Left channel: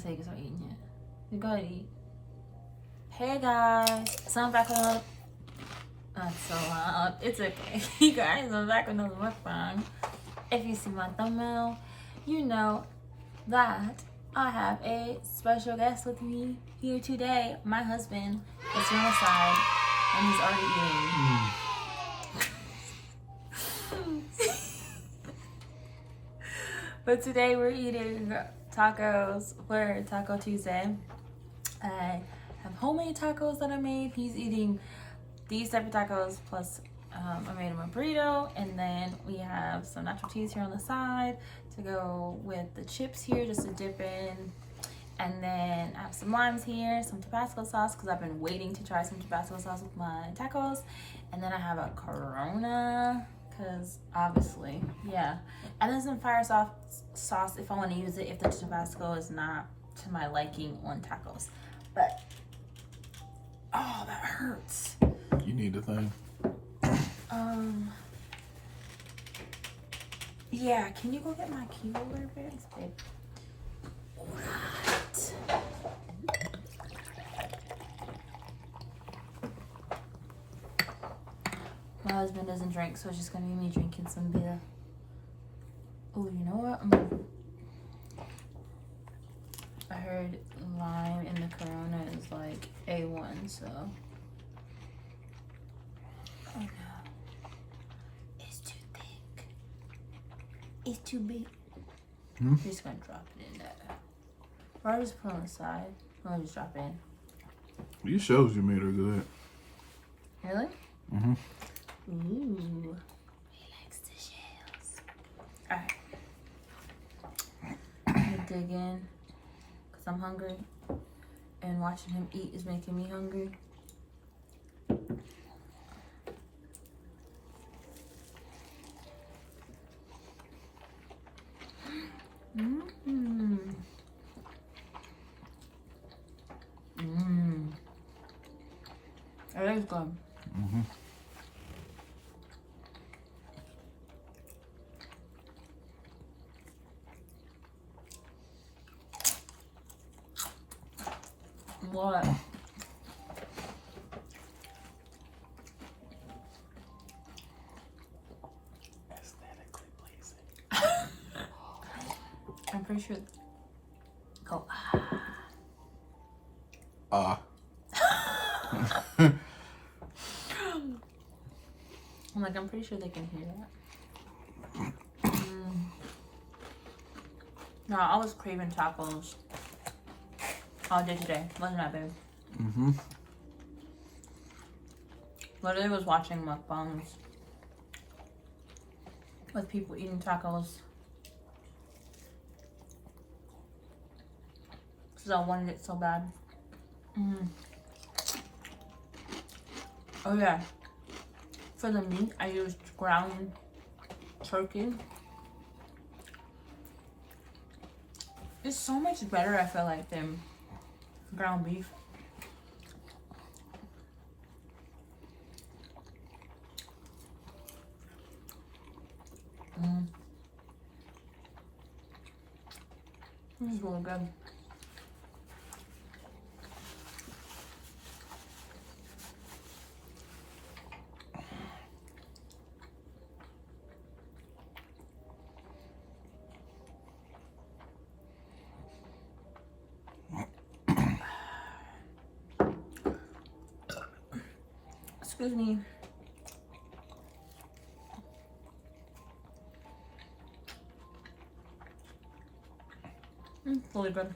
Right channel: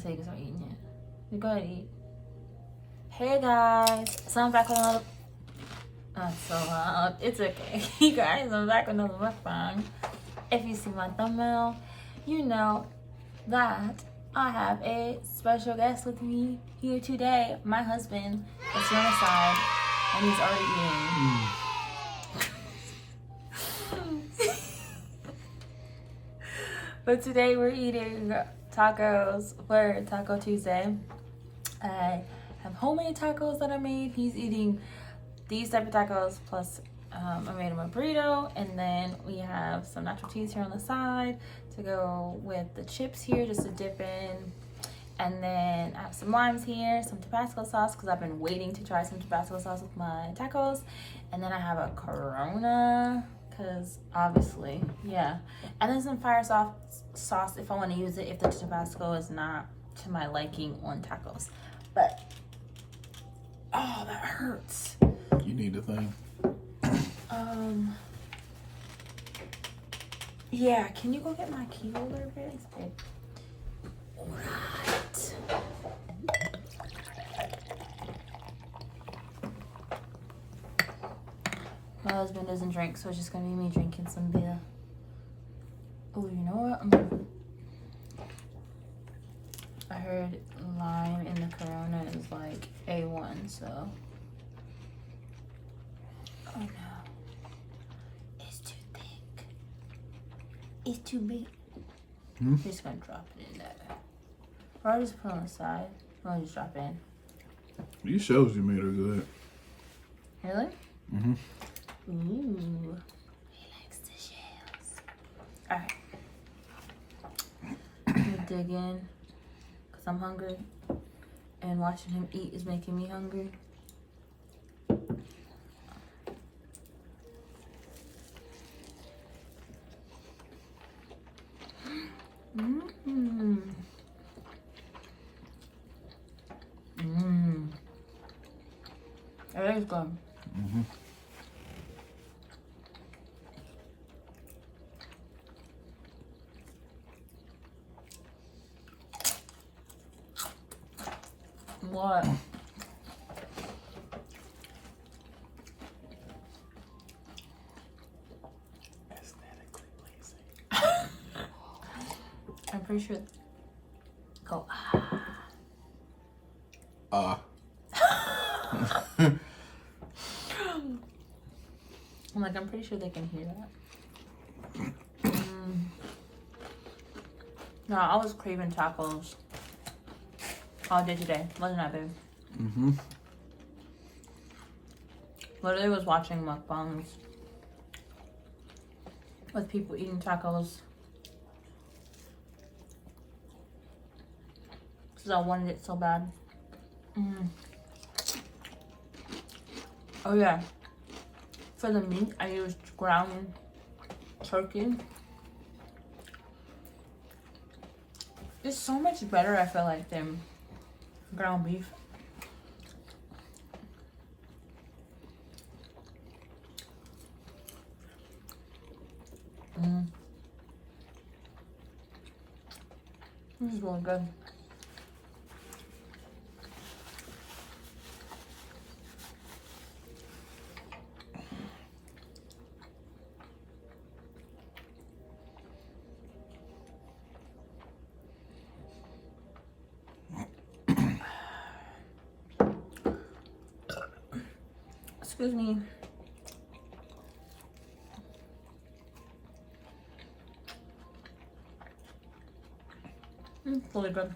until you start eating it. You go ahead and eat. Hey guys, so I'm back with another. That's so loud. It's okay. You guys, I'm back with another mukbang. If you see my thumbnail, you know that I have a special guest with me here today. My husband is on the side, and he's already eating. But today we're eating tacos for Taco Tuesday. I have homemade tacos that I made. He's eating these type of tacos plus I made him a burrito, and then we have some nacho cheese here on the side to go with the chips here just to dip in. And then I have some limes here, some Tabasco sauce because I've been waiting to try some Tabasco sauce with my tacos. And then I have a Corona because obviously, yeah. And then some fire sauce if I want to use it if the Tabasco is not to my liking on tacos. But, oh, that hurts. You need a thing. Yeah, can you go get my key holder, please, babe? Alright. My husband doesn't drink, so it's just gonna be me drinking some beer. Oh, you know what? I heard lime in the Corona is like A1, so. Oh no. It's too thick. It's too big. I'm just gonna drop it in there. Or I'll just put it on the side. I'll just drop it in. These shells you made are good. Really? Mm-hmm. Ooh. He likes the shells. Alright. I'm gonna dig in because I'm hungry. And watching him eat is making me hungry. It is good. Mm-hmm. What? Aesthetically pleasing. I'm pretty sure. Go. I'm pretty sure they can hear that. No, I was craving tacos all day today. Wasn't that, babe? Mm-hmm. Literally was watching mukbangs with people eating tacos. Because I wanted it so bad. Oh yeah. For the meat, I used ground turkey. It's so much better, I feel like, than ground beef. This is really good. Excuse me. It's really good.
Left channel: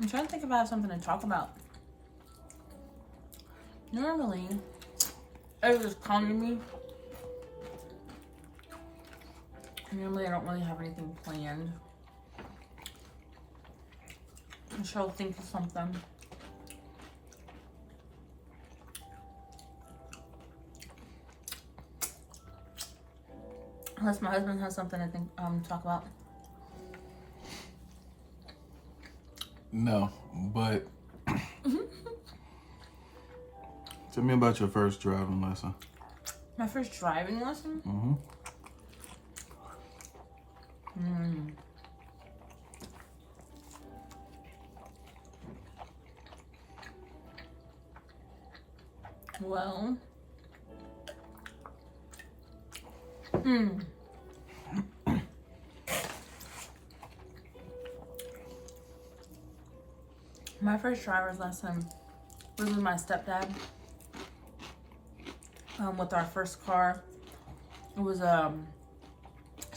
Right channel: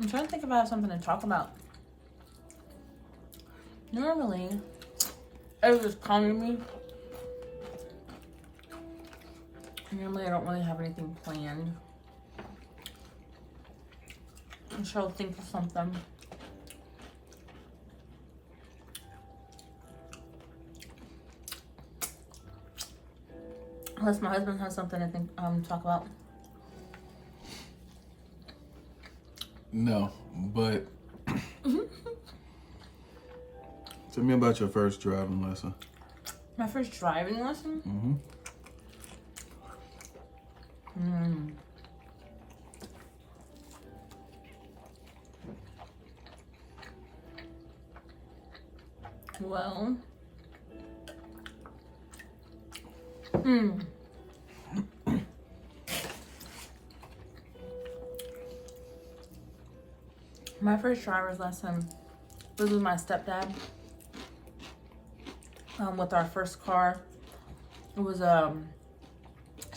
I'm trying to think if I have something to talk about. Normally, it just comes to me. Normally, I don't really have anything planned. I'm sure I'll think of something. Unless my husband has something to talk about. No, but tell me about your first driving lesson. My first driving lesson? Mm-hmm. Well, my first driver's lesson was with my stepdad. With our first car. It was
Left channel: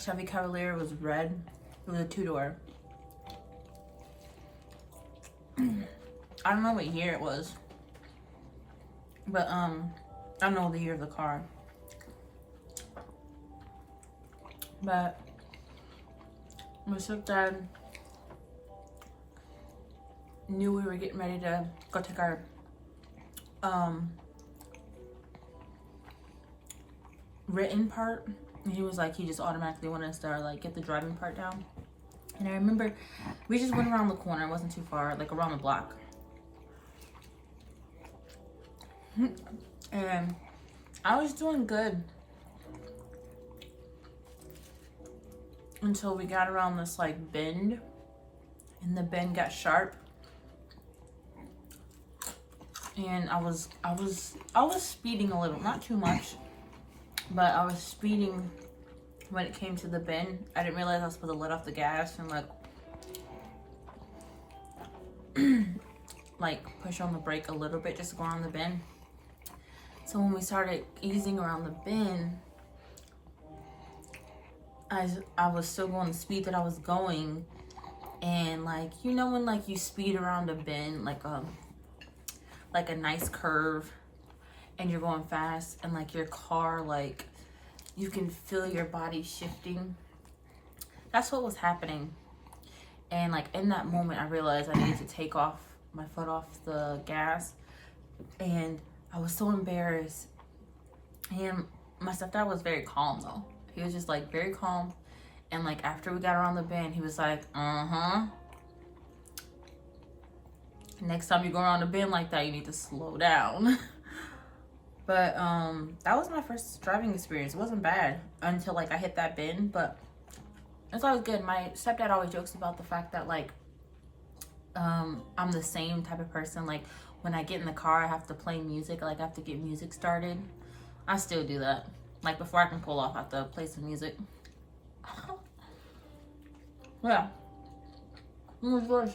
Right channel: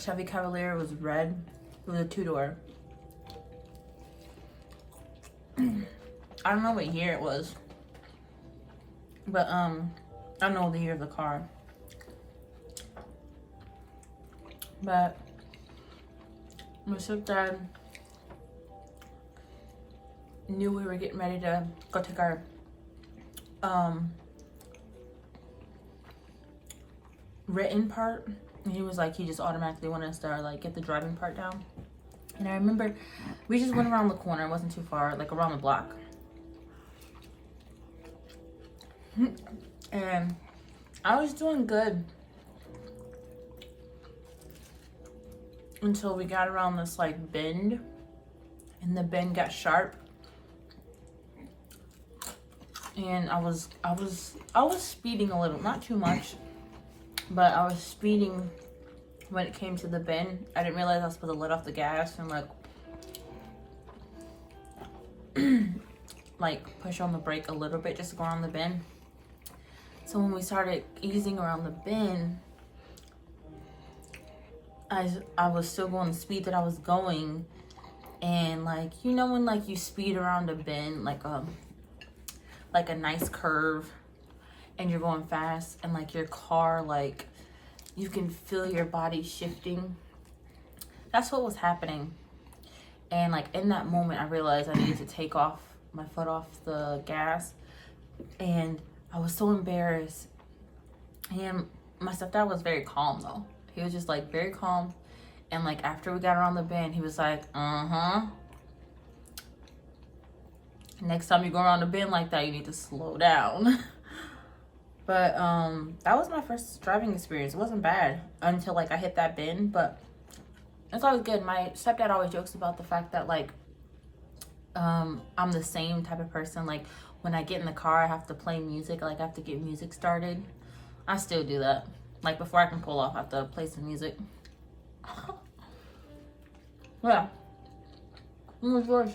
Chevy Cavalier. It was red. It was a 2-door. I don't know what year it was, but I don't know the year of the car. But my stepdad knew we were getting ready to go take our written part, and he was like, he just automatically wanted us to like get the driving part down. And I remember we just went around the corner. It wasn't too far, like around the block. And I was doing good until we got around this like bend, and the bend got sharp. And I was speeding a little, not too much, but I was speeding when it came to the bend. I didn't realize I was supposed to let off the gas and like push on the brake a little bit just to go around the bend. So when we started easing around the bend, I was still going the speed that I was going, and like, you know when like you speed around a bend, like a nice curve, and you're going fast, and like your car, like you can feel your body shifting. That's what was happening. And like in that moment, I realized I needed to take off my foot off the gas, and I was so embarrassed. And my stepdad was very calm though. He was just like very calm. And like after we got around the bend, he was like, next time you go around a bend like that, you need to slow down. But that was my first driving experience. It wasn't bad until like I hit that bend, but it's always good. My stepdad always jokes about the fact that like I'm the same type of person. Like when I get in the car, I have to play music. Like I have to get music started. I still do that. Like before I can pull off, I have to play some music. Yeah. What was yours?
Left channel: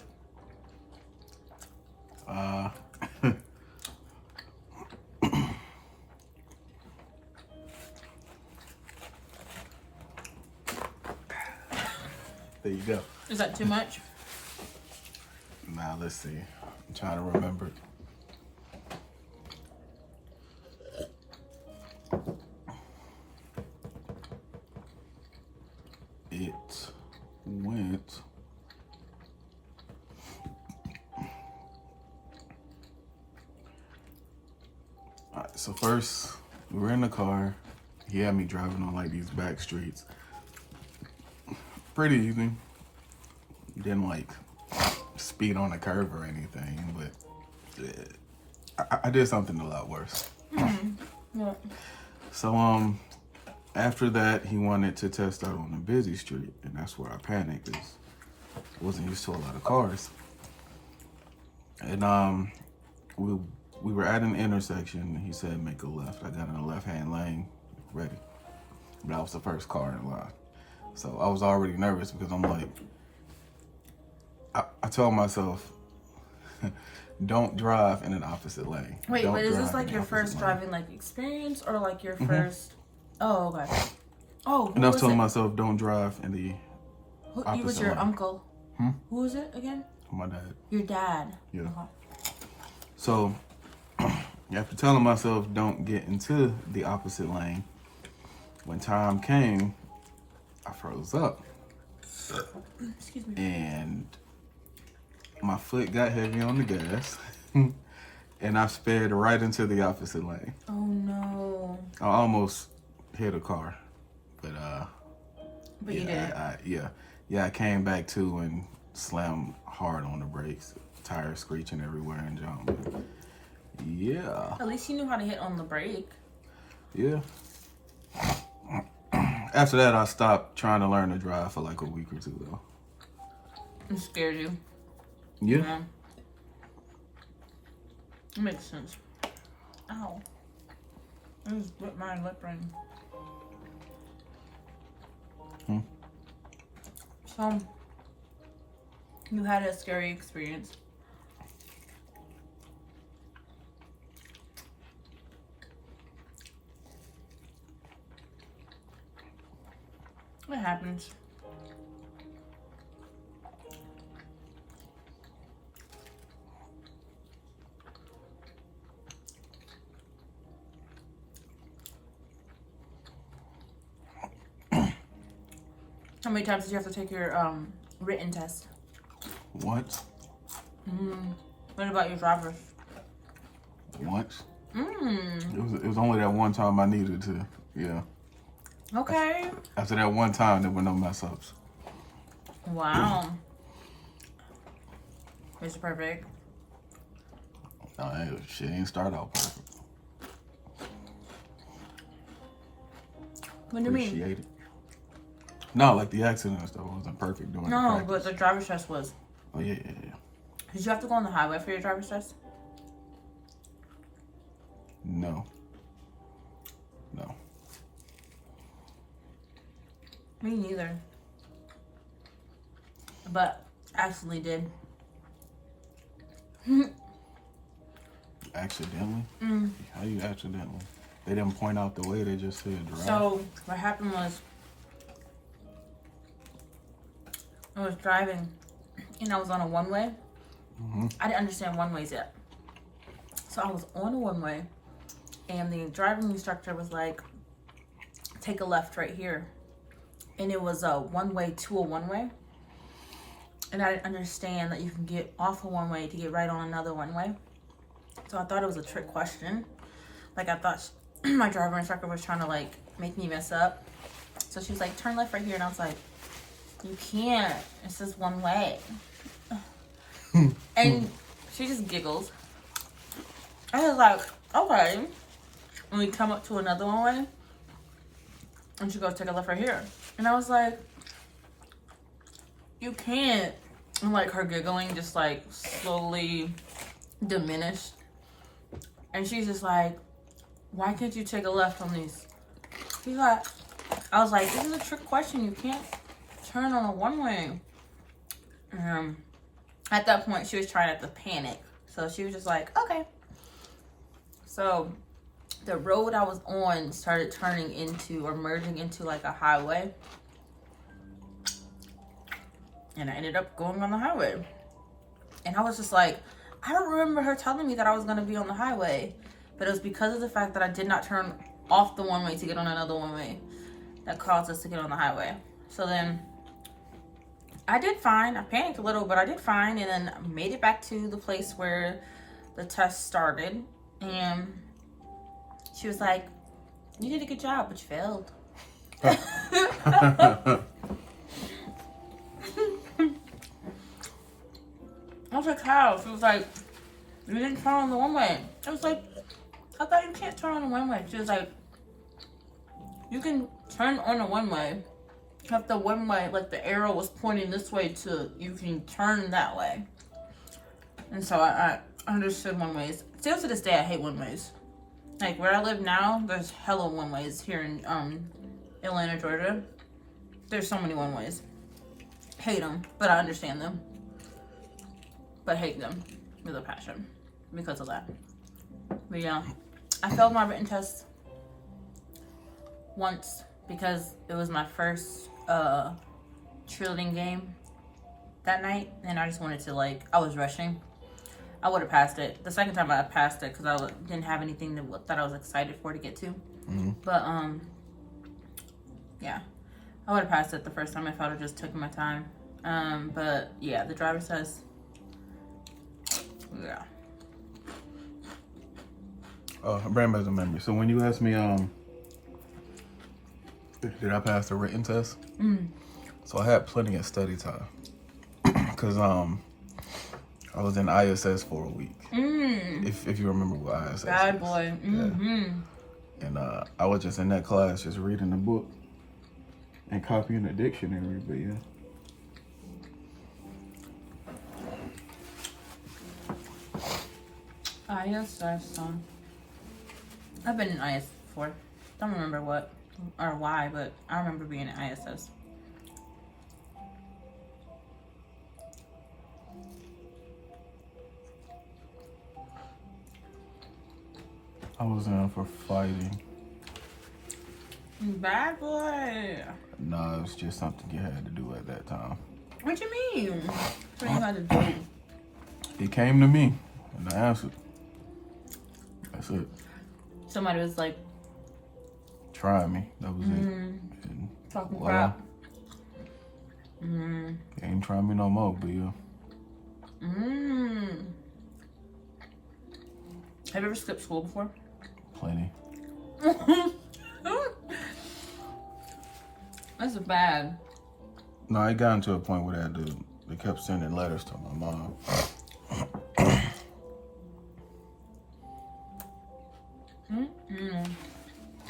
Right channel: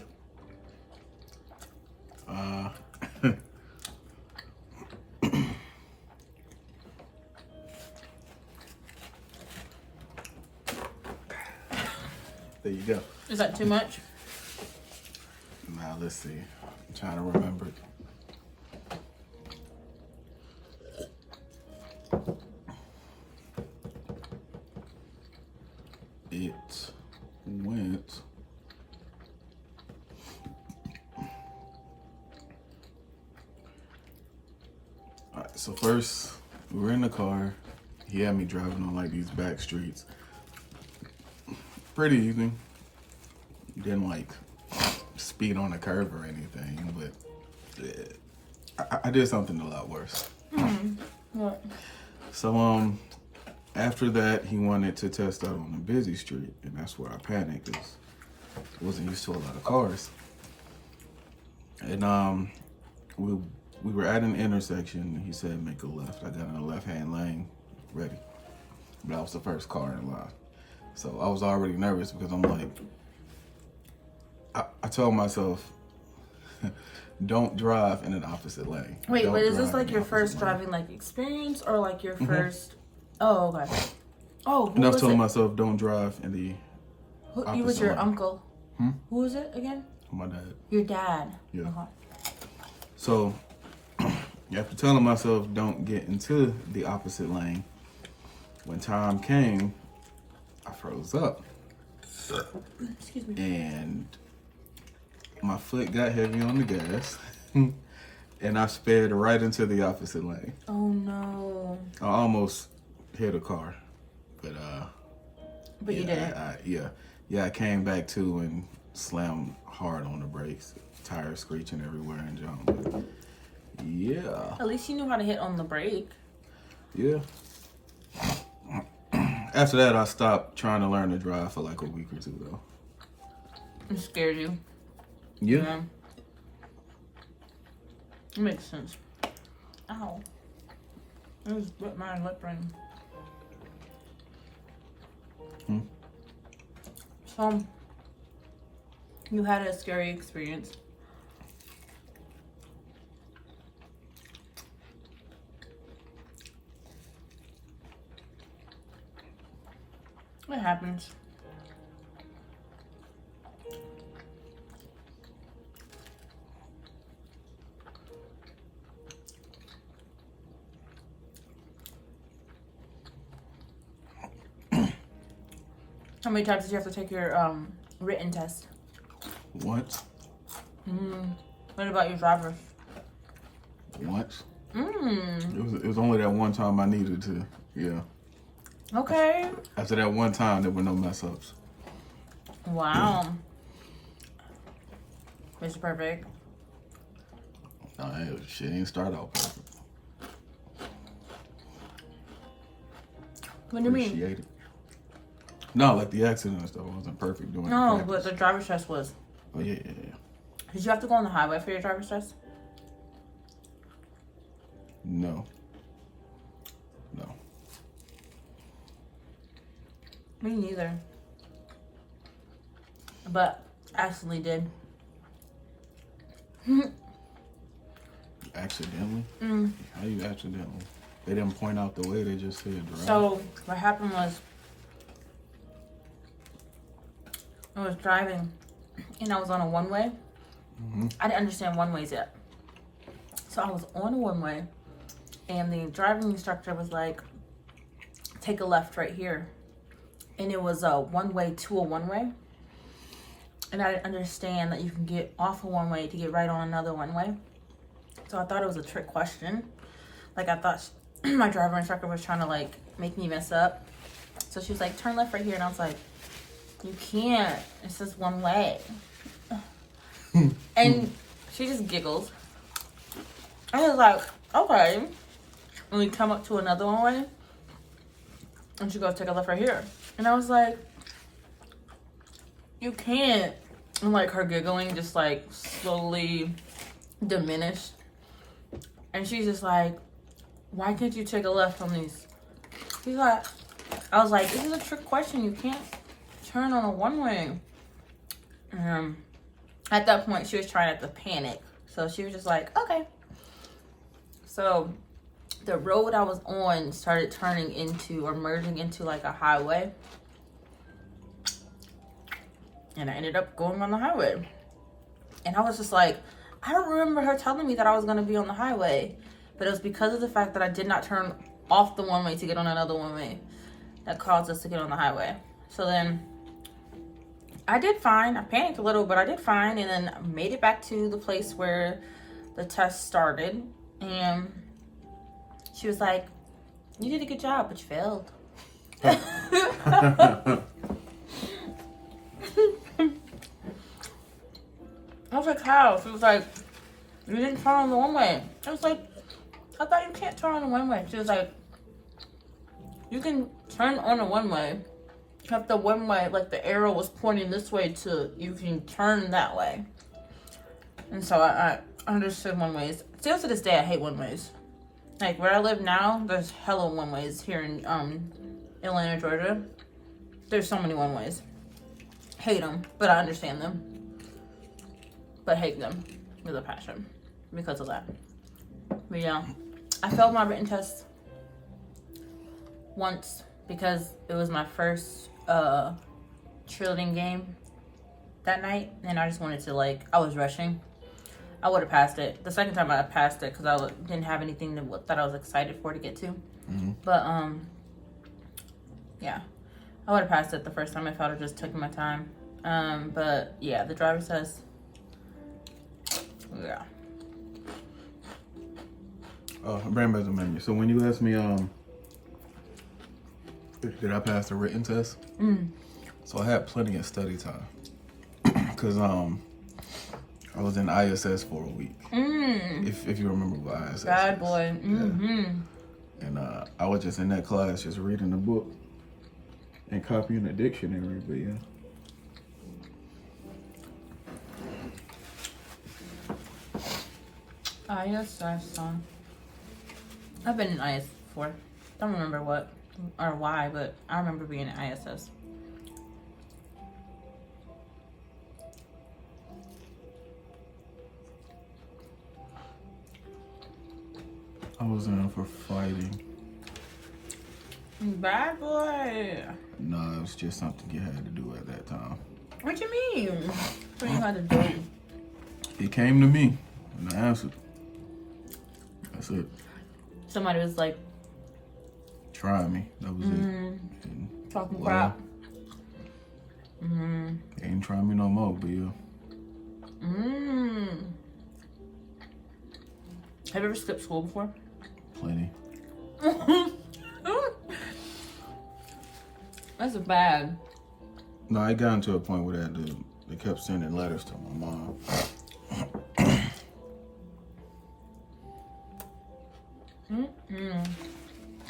There you go. Is that too much? Now let's see. I'm trying to remember. It went. All right, so first we were in the car. He had me driving on like these back streets. Pretty easy. Didn't like speed on a curve or anything, but I did something a lot worse. What? So after that, he wanted to test out on a busy street, and that's where I panicked because I wasn't used to a lot of cars. And we were at an intersection, and he said make a left. I got in the left-hand lane, ready. That was the first car in line. So I was already nervous because I'm like, I told myself, don't drive in an opposite lane. Wait, Don't but is this drive like in your the first opposite driving like experience, or like your first? Oh, okay. Oh, who And I was was telling it? myself, don't drive in the He was opposite your lane. uncle. Hmm? Who was it again? My dad. Your dad. Yeah. Okay. So after telling myself, don't get into the opposite lane, when time came, I froze up. Excuse me. And my foot got heavy on the gas. And I sped right into the opposite lane. Oh no. I almost hit a car, but But yeah, you didn't. I came back to and slammed hard on the brakes, tires screeching everywhere and junk. But yeah, At least you knew how to hit on the brake. yeah. After that, I stopped trying to learn to drive for like a week or two, though. It scared you. Yeah. It makes sense. Ow. It was my lip ring. So, you had a scary experience. It happens. How many times did you have to take your written test? Once. What about your driver's? Once. It was only that one time I needed to. Yeah. Okay. After that one time, there were no mess ups. Wow. Mr. Perfect. Shit ain't start out perfect. What do you mean? Appreciate it. No, like the accident and stuff wasn't perfect doing No, but the driver's test was. Oh, yeah. Did you have to go on the highway for your driver's test? No. Me neither. But actually did. Accidentally? How you accidentally? They didn't point out the way, they just said drive. So what happened was I was driving and I was on a one-way. I didn't understand one-ways yet. So I was on a one-way and the driving instructor was like, take a left right here. And it was a one-way to a one-way. And I didn't understand that you can get off a one-way to get right on another one-way. So I thought it was a trick question. Like I thought my driver instructor was trying to like make me mess up. So she was like, turn left right here. And I was like, you can't. It's just one way. And she just giggles. I was like, okay. And we come up to another one way. And she goes, take a left right here. And I was like, you can't. And like her giggling just like slowly diminished. And she's just like, why can't you take a left from these? She's like, I was like, this is a trick question. You can't turn on a one-way. At that point, she was trying not to panic. So she was just like, okay. So the road I was on started turning into or merging into like a highway. And I ended up going on the highway. And I was just like, I don't remember her telling me that I was going to be on the highway. But it was because of the fact that I did not turn off the one-way to get on another one-way that caused us to get on the highway. So then I did fine. I panicked a little, but I did fine. And then made it back to the place where the test started. And she was like, you did a good job, but you failed. I was like, how? She was like, you didn't turn on the one-way. I was like, I thought you can't turn on the one-way. She was like, you can turn on a one-way. If the one-way, like the arrow was pointing this way to, you can turn that way. And so I understood one-ways. Still to this day, I hate one-ways. Like where I live now, there's hella one-ways here in Atlanta, Georgia. There's so many one-ways. Hate them, but I understand them. But hate them with a passion because of that. But yeah, I failed my written test once because it was my first cheerleading game that night, and I just wanted to I was rushing. I would have passed it. The second time I passed it because I didn't have anything that I was excited for to get to. But yeah, I would have passed it the first time if I would have just taken my time. But yeah, the driver's test. Yeah. I ran back the menu. So when you asked me, did I pass the written test? So I had plenty of study time because I was in ISS for a week. If you remember what ISS. Bad boy. Yeah. And I was just in that class, just reading the book. and copying the dictionary, but yeah. ISS, son. I've been in IS before. Don't remember what or why, but I remember being in ISS. I was in for fighting. Bad boy. No, it was just something you had to do at that time. What you mean? What you had to do? He came to me and I answered. That's it. Somebody was like, Try me. That was it. And, talking crap. Ain't try me no more, but yeah. Have you ever skipped school before? Plenty. That's bad. No, I got into a point where they kept sending letters to my mom.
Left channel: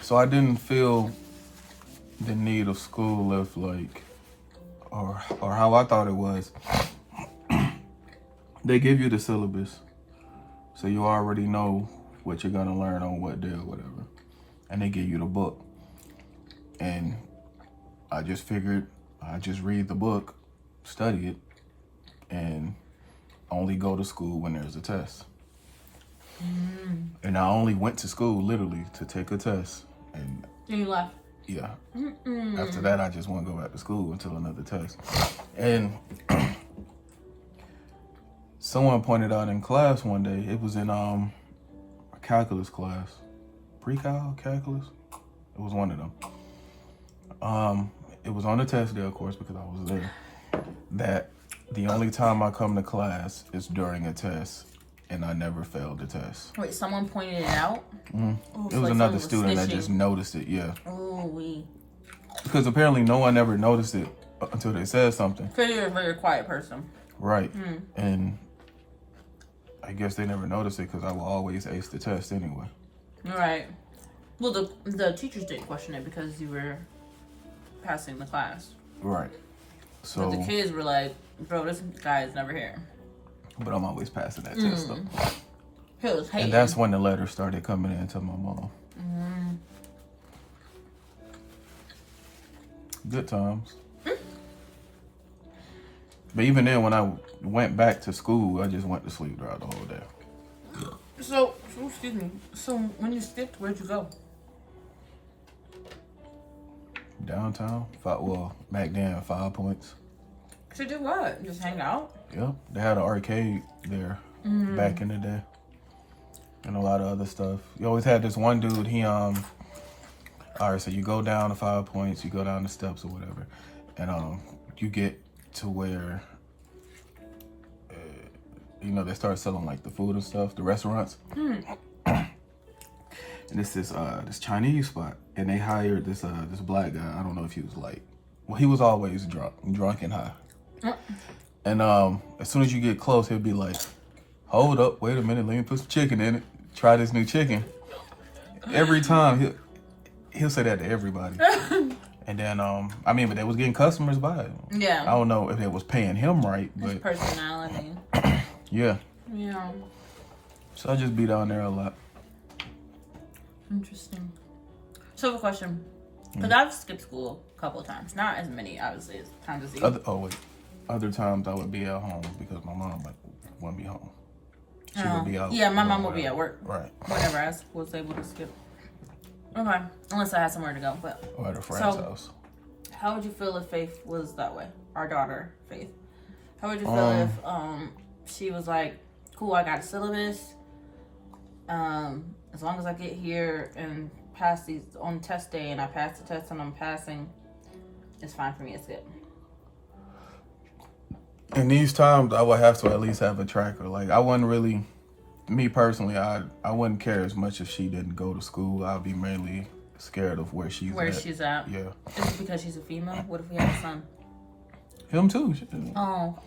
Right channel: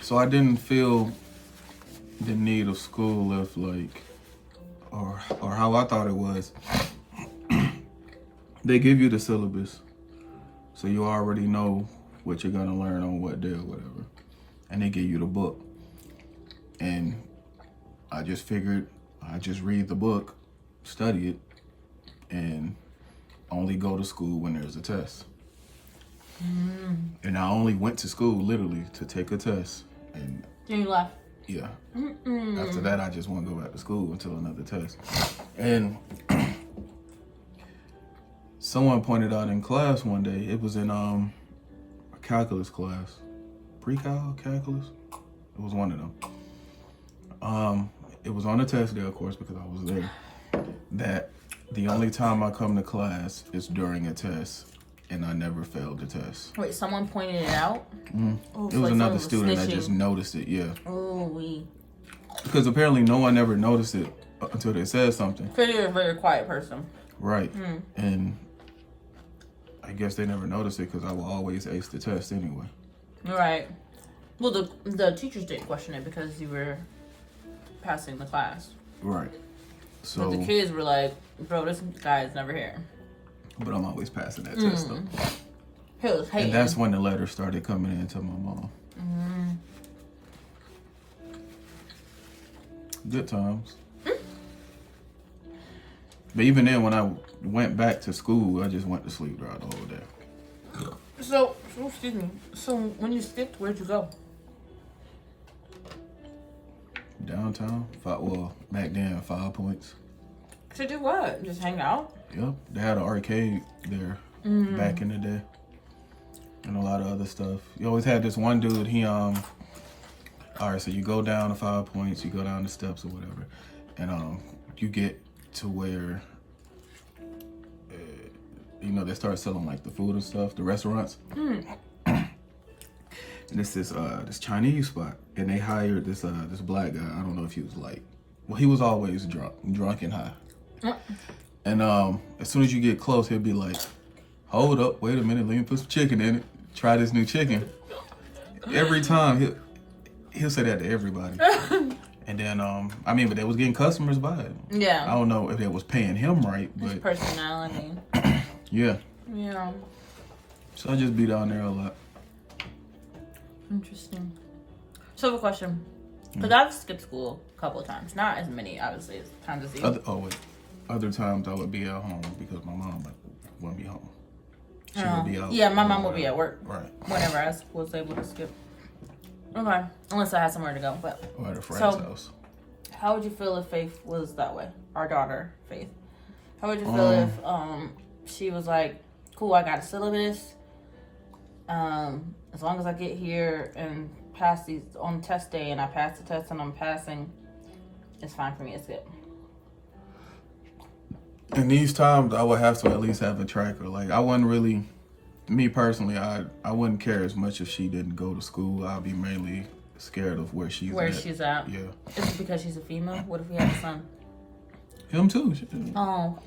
So I didn't feel the need of school if or how I thought it was. They give you the syllabus, so you already know what you're gonna learn on what day or whatever, and they give you the book. And I just figured I just read the book, study it, and only go to school when there's a test. And I only went to school literally to take a test. And you left. Yeah. After that, I just wouldn't go back to school until another test. And someone pointed out in class one day, it was in a calculus class, pre-cal calculus. It was one of them. It was on the test day, of course, because I was there. That the only time I come to class is during a test, and I never failed the test. Wait, someone pointed it out? Oh, it was like another student that just noticed it, yeah. Oh, we. Because apparently no one ever noticed it until they said something. Because you're a very quiet person. Right. And I guess they never noticed it because I will always ace the test anyway. Right. Well, the teachers didn't question it because you were passing the class. Right. So but the kids were like, bro, this guy is never here. But I'm always passing that test though. He was hating. And that's when the letters started coming in to my mom. Good times. But even then, when I went back to school, I just went to sleep throughout the whole day. So, excuse me. So when you skipped, where'd you go? Downtown. Back then, 5 Points. To do what? Just hang out? Yep. They had an arcade there back in the day. And a lot of other stuff. You always had this one dude, alright, so you go down to 5 Points, you go down the steps or whatever, and you get to where they start selling like the food and stuff, the restaurants. And it's this Chinese spot, and they hired this black guy. I don't know if he was he was always drunk and high. And as soon as you get close, he'll be like, hold up, wait a minute, let me put some chicken in it. Try this new chicken. Every time he'll say that to everybody. And then but they was getting customers by it. Yeah. I don't know if they was paying him right, but his personality. Yeah. Yeah. So I just be down there a lot. Interesting. So I have a question. Because I've skipped school a couple of times. Not as many, obviously, as times as you. Other times I would be at home because my mom wouldn't be home. She would be out. Yeah, my mom would be at work. Right. Whenever I was able to skip. Okay. Unless I had somewhere to go. But or at a friend's house. How would you feel if Faith was that way? Our daughter, Faith. How would you feel if she was like, cool, I got a syllabus. As long as I get here and pass these on test day and I pass the test and I'm passing, it's fine for me to skip. In these times, I would have to at least have a tracker. Like, I wouldn't really, me personally, I wouldn't care as much if she didn't go to school. I'd be mainly scared of where she's at. Yeah. Is it because she's a female? What if we had a son? Him too. Oh.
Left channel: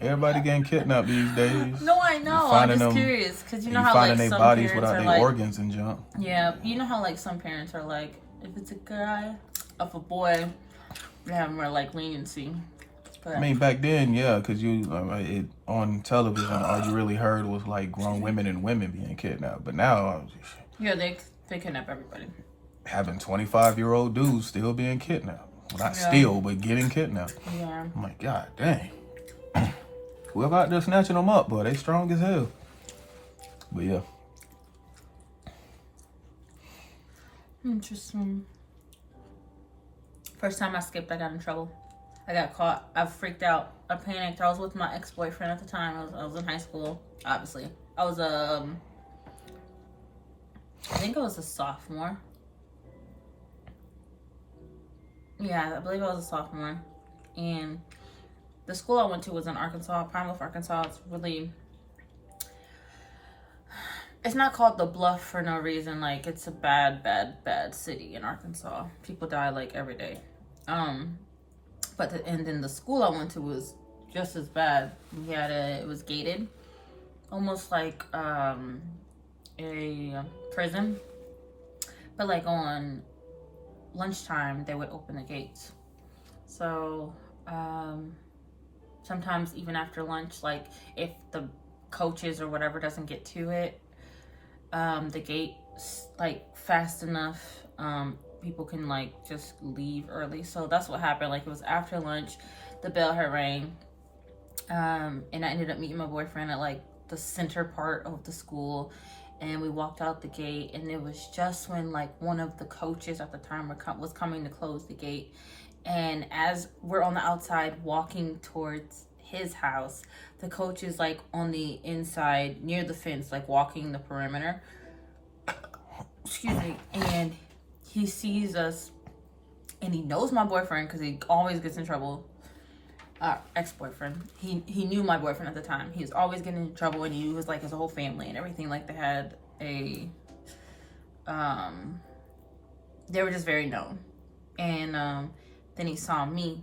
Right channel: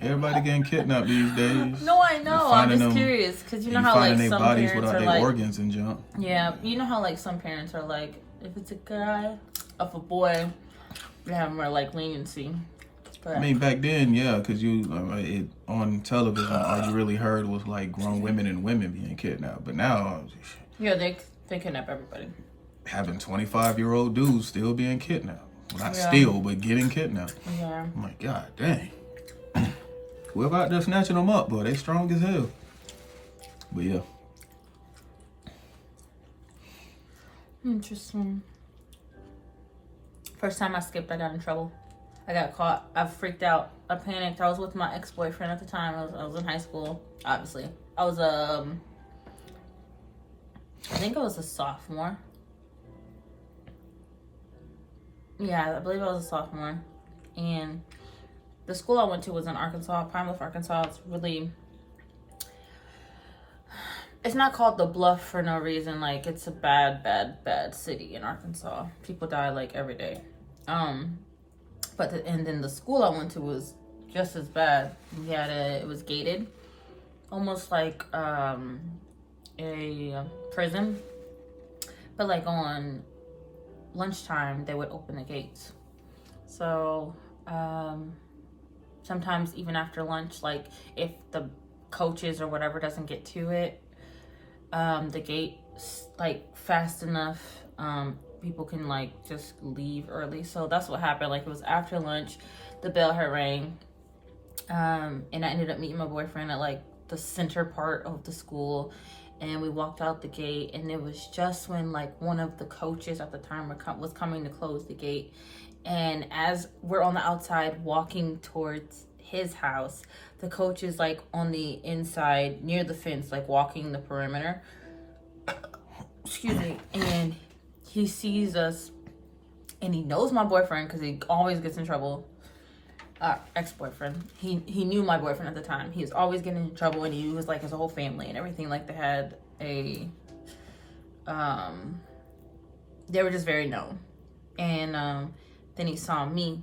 Everybody getting kidnapped these days. No, I know. I'm just curious because you know how like some parents are like organs and junk. Yeah, you know how like some parents are like, if it's a guy. If a boy, they have more like leniency. But I mean, back then, yeah, because on television, all you really heard was like grown women and women being kidnapped. But now, yeah, they kidnap everybody. having 25-year-old dudes still being kidnapped. Not Yeah. still, but getting kidnapped. Yeah. I'm like, God dang. Whoever out there snatching them up, boy, they strong as hell. But yeah. Interesting. First time I skipped, I got in trouble. I got caught. I freaked out. I panicked. I was with my ex-boyfriend at the time. I was in high school, obviously. I was I think I was a sophomore. Yeah, I believe I was a sophomore. And the school I went to was in Arkansas, Pine Bluff, Arkansas. It's not called the Bluff for no reason. Like, it's a bad city in Arkansas. People die like every day. And then the school I went to was just as bad. It was gated, almost like a prison. But like on lunchtime, they would open the gates. So sometimes even after lunch, like if the coaches or whatever doesn't get to it, the gate like fast enough, people can like just leave early. So that's what happened. Like, it was after lunch, the bell had rang, and I ended up meeting my boyfriend at like the center part of the school, and we walked out the gate, and it was just when like one of the coaches at the time was coming to close the gate. And as we're on the outside walking towards his house, the coach is like on the inside near the fence, like walking the perimeter. Excuse me. And he sees us, and he knows my boyfriend because he always gets in trouble. Ex-boyfriend. He knew my boyfriend at the time. He was always getting in trouble, and he was like his whole family and everything. Like, they had they were just very known. And then he saw me,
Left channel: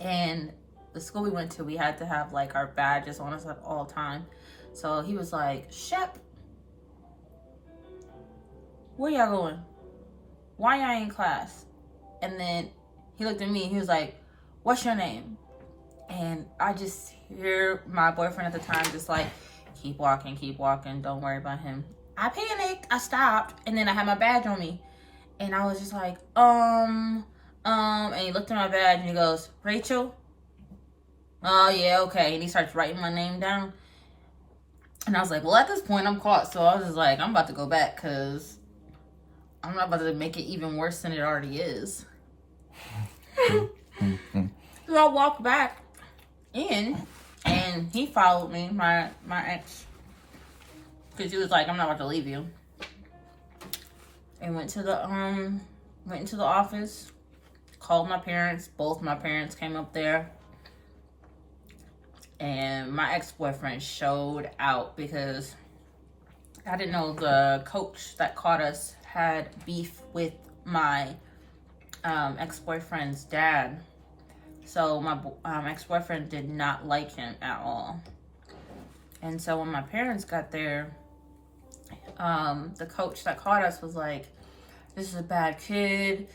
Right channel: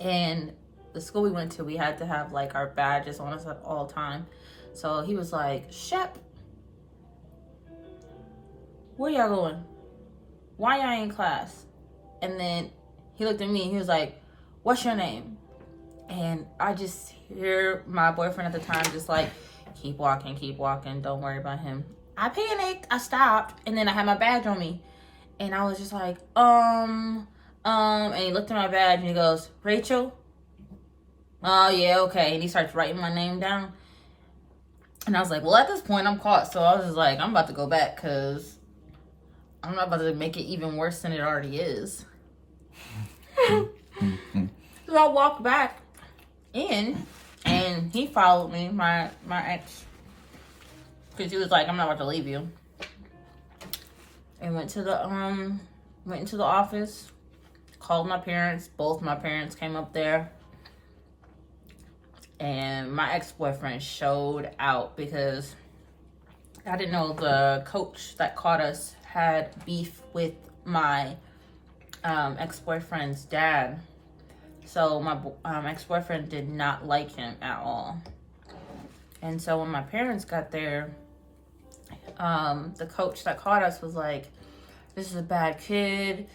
and the school we went to, we had to have like our badges on us at all time. So he was like, "Shep, where y'all going? Why y'all in class?" And then he looked at me and he was like, "What's your name?" And I just hear my boyfriend at the time just like, keep walking, don't worry about him." I panicked, I stopped, and then I had my badge on me. And I was just like, and he looked at my badge and he goes, "Rachel?" "Oh, yeah, okay." And he starts writing my name down. And I was like, well, at this point, I'm caught. So I was just like, I'm about to go back because I'm not about to make it even worse than it already is. So I walked back in, and he followed me, my ex, because he was like, "I'm not about to leave you." And went into the office, called my parents. Both my parents came up there. And my ex-boyfriend showed out because I didn't know the coach that caught us had beef with my ex-boyfriend's dad. So my ex-boyfriend did not like him at all. And so when my parents got there, the coach that caught us was like, "This is a bad kid.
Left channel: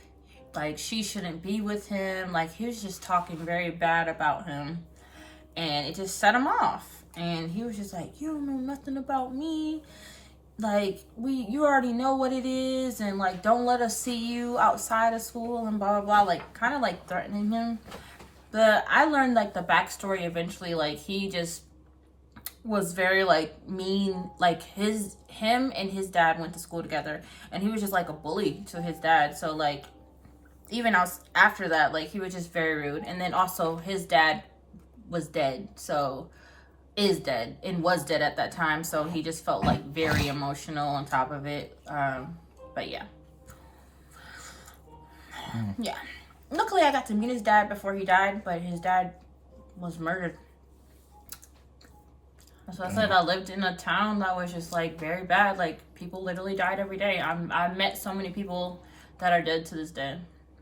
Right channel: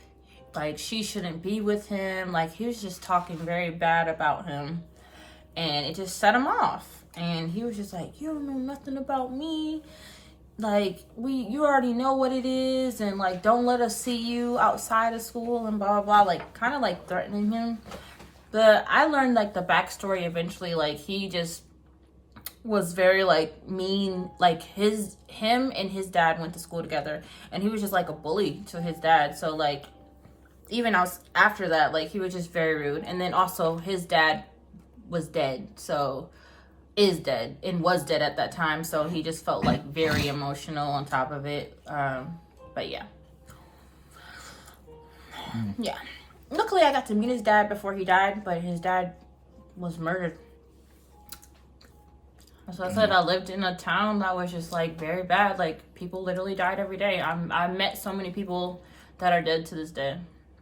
Like, she shouldn't be with him." Like, he was just talking very bad about him. And it just set him off. And he was just like, "You don't know nothing about me. Like, you already know what it is. And, like, don't let us see you outside of school," and blah, blah, blah. Like, kind of, like, threatening him. But I learned, like, the backstory eventually. Like, he just was very, like, mean. Like, him and his dad went to school together. And he was just, like, a bully to his dad. So, like, even after that, like, he was just very rude. And then also his dad was dead, is dead, and was dead at that time, so he just felt like very emotional on top of it. But yeah. Luckily I got to meet his dad before he died, but his dad was murdered. So I said I lived in a town that was just like very bad. Like, people literally died every day. I met so many people that are dead to this day,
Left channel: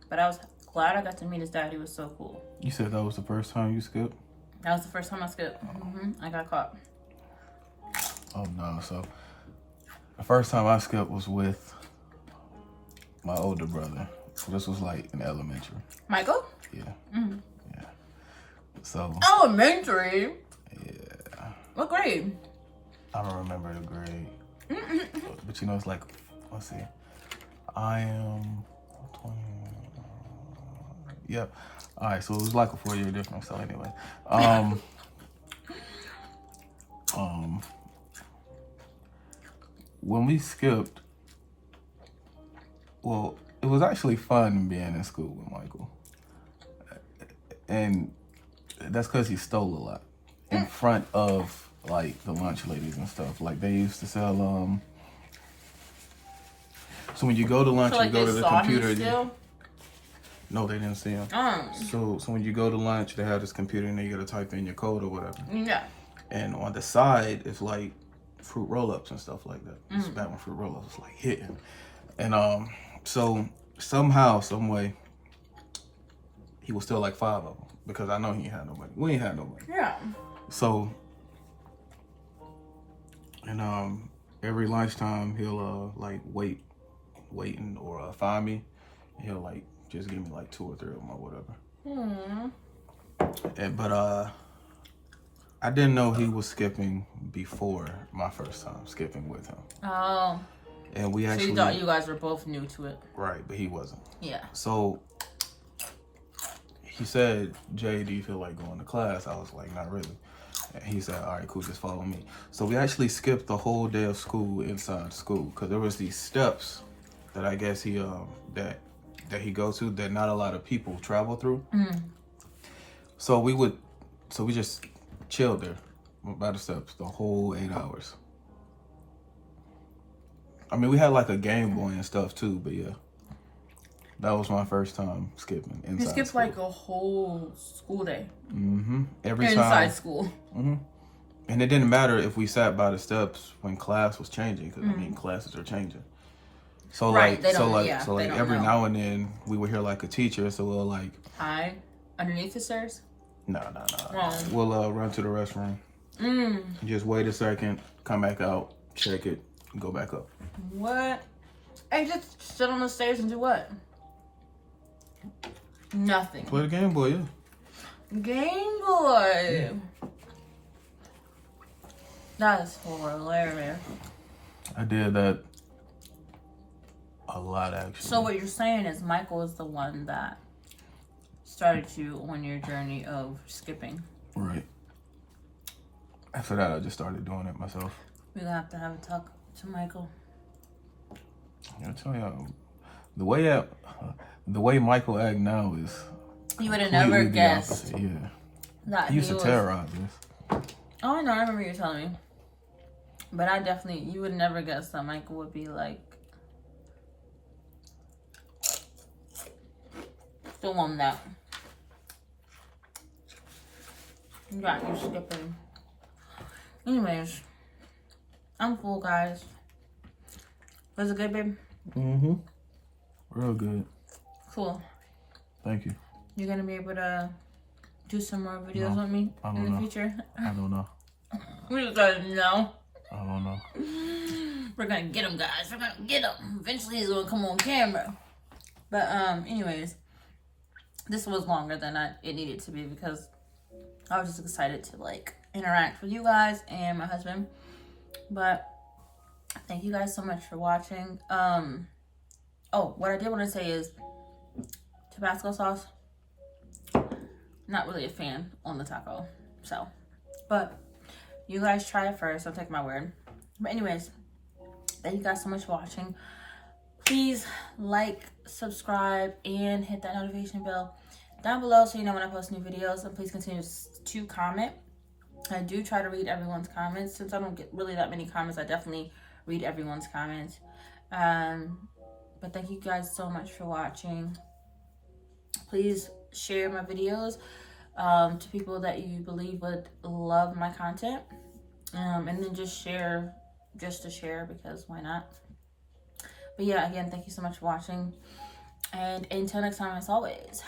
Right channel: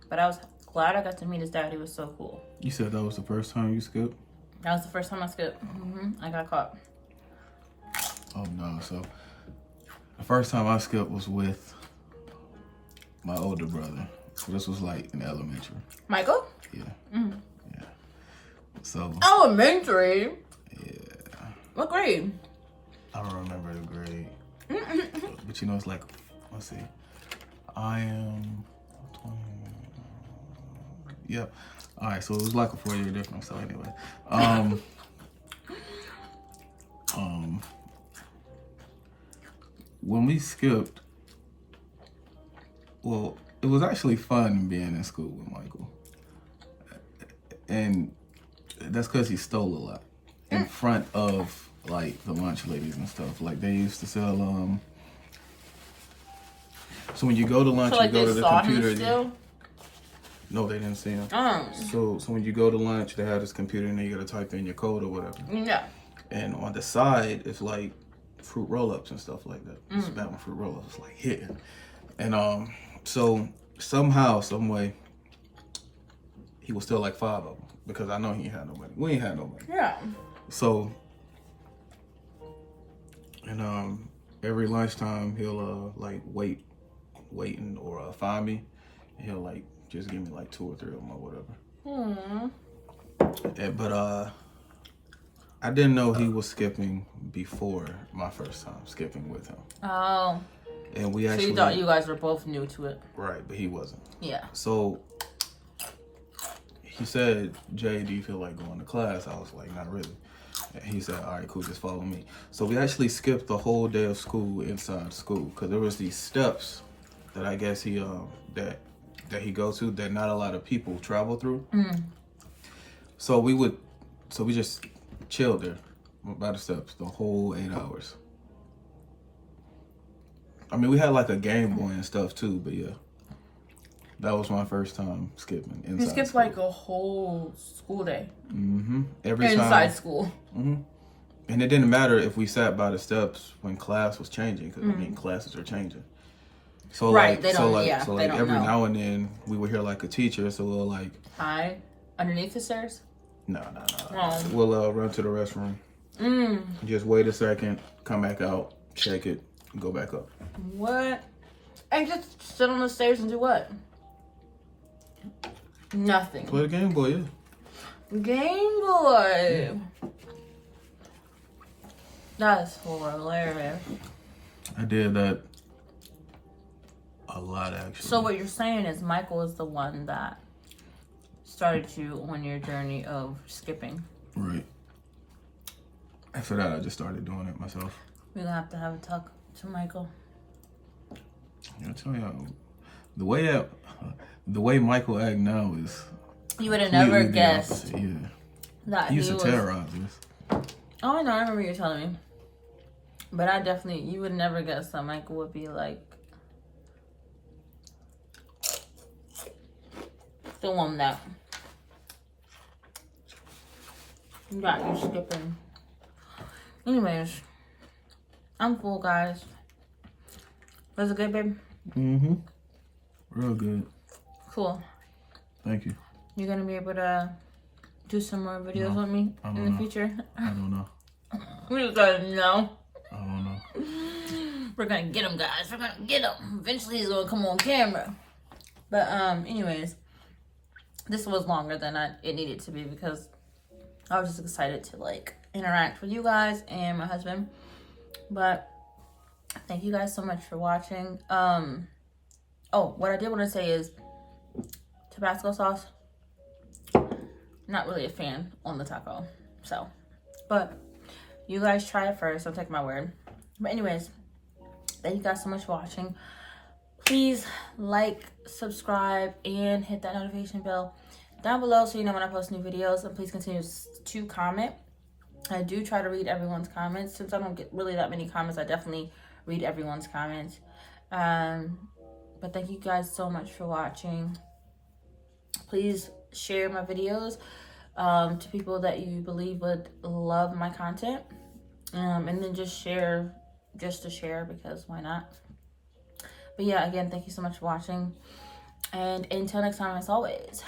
but I was glad I got to meet his dad. He was so cool. You said that was the first time you skipped? That was the first time I skipped. I got caught. Oh no! So the first time I skipped was with my older brother. So this was like in elementary. Michael? Yeah. Mm. Yeah. So. Elementary? Yeah. What grade? I don't remember the grade. But you know, it's like, let's see. I am 20. Yep. All right, so it was like a 4-year difference. So anyway, when we skipped, well, it was actually fun being in school with Michael, and that's because he stole a lot in front of like the lunch ladies and stuff. Like they used to sell. So when you go to lunch, So like you go they to the saw computer. him still? No, they didn't see him. So when you go to lunch, they have this computer and then you gotta type in your code or whatever. Yeah. And on the side, it's like fruit roll-ups and stuff like that. It's about fruit roll-ups, it's like hitting. And so somehow, some way, he was still like 5 of them because I know he ain't had nobody. We ain't had nobody. Yeah. So, and every lunchtime he'll like waiting or find me, and he'll like just give me like 2 or 3 of them or whatever. But I didn't know he was skipping before my first time skipping with him. Oh. And we actually. So you thought you guys were both new to it? Right, but he wasn't. Yeah. So he said, "Jay, do you feel like going to class?" I was like, "Not really." And he said, "All right, cool, just follow me." So we actually skipped the whole day of school inside school because there was these steps that I guess he that he goes to that not a lot of people travel through. So we just chilled there by the steps the whole 8 hours. I mean, we had like a Game Boy and stuff too, but yeah, that was my first time skipping inside. You skipped school. like a whole school day. Every inside time. school. And it didn't matter if we sat by the steps when class was changing, because I mean classes are changing. So Right, like, they so don't. like, Yeah, so they like don't every know. now and then we would hear like a teacher, so we'll like, Hi, underneath the stairs. no. Oh. We'll run to the restroom. Just wait a second, come back out, check it, and go back up. What? And just sit on the stairs and do what? Nothing. Play the Game Boy, yeah. Game Boy. That is hilarious. I did that a lot, actually. So what you're saying is Michael is the one that started you on your journey of skipping. Right. After that, I just started doing it myself. We're gonna have to have a talk to Michael. I tell you, the way Michael act now is. You would have never completely the guessed opposite, yeah. that He used to was. terrorize us. Oh no, I remember you telling me. But I definitely, you would never guess that Michael would be like the one that got you skipping. Anyways, I'm full, guys. Was it good, babe? Real good. Cool. Thank you. You're gonna be able to do some more videos with me in the future? I don't know. We just gotta know. I don't know. We're gonna get him, guys. We're gonna get him. Eventually, he's gonna come on camera. But anyways, this was longer than it needed to be because I was just excited to like interact with you guys and my husband. But thank you guys so much for watching. Oh, what I did want to say is Tabasco sauce. Not really a fan on the taco. So, but you guys try it first. Don't take my word. But anyways, thank you guys so much for watching. Please like, subscribe, and hit that notification bell down below so you know when I post new videos. And please continue to comment. I do try to read everyone's comments. Since I don't get really that many comments, I definitely read everyone's comments. But thank you guys so much for watching. Please share my videos to people that you believe would love my content. And then just share, just to share, because why not? But yeah, again, thank you so much for watching. And until next time, as always,